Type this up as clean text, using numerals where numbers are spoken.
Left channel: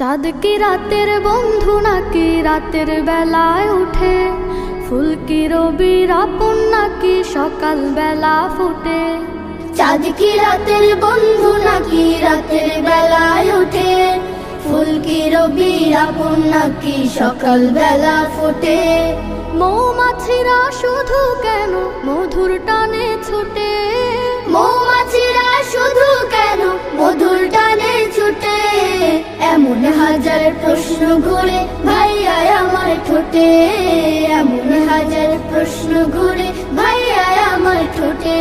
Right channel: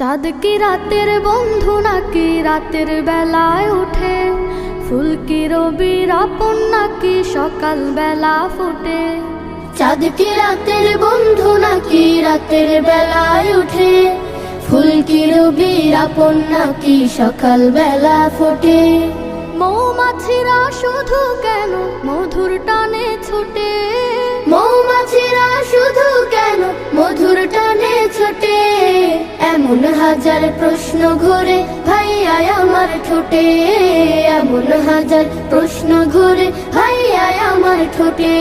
চাঁদ কি রাতের বন্ধু নাকি রাতের বেলায় উঠে? ফুল কি রবির আপন নাকি সকাল বেলা ফুটে? চাঁদ কি রাতের বন্ধু নাকি রাতের বেলায় ওঠে? ফুল কি রবির আপন নাকি সকাল বেলা ফোটে? মৌমাছিরা শুধু কেন মধুর টানে ছুটে? মৌমাছিরা শুধু কেন মধুর টানে ছোটে? এমন হাজার প্রশ্ন ঘুরে ভাইয়া আমার ঠোঁটে, এমন হাজার প্রশ্ন ঘুরে ভাইয়া আমার ঠোঁটে।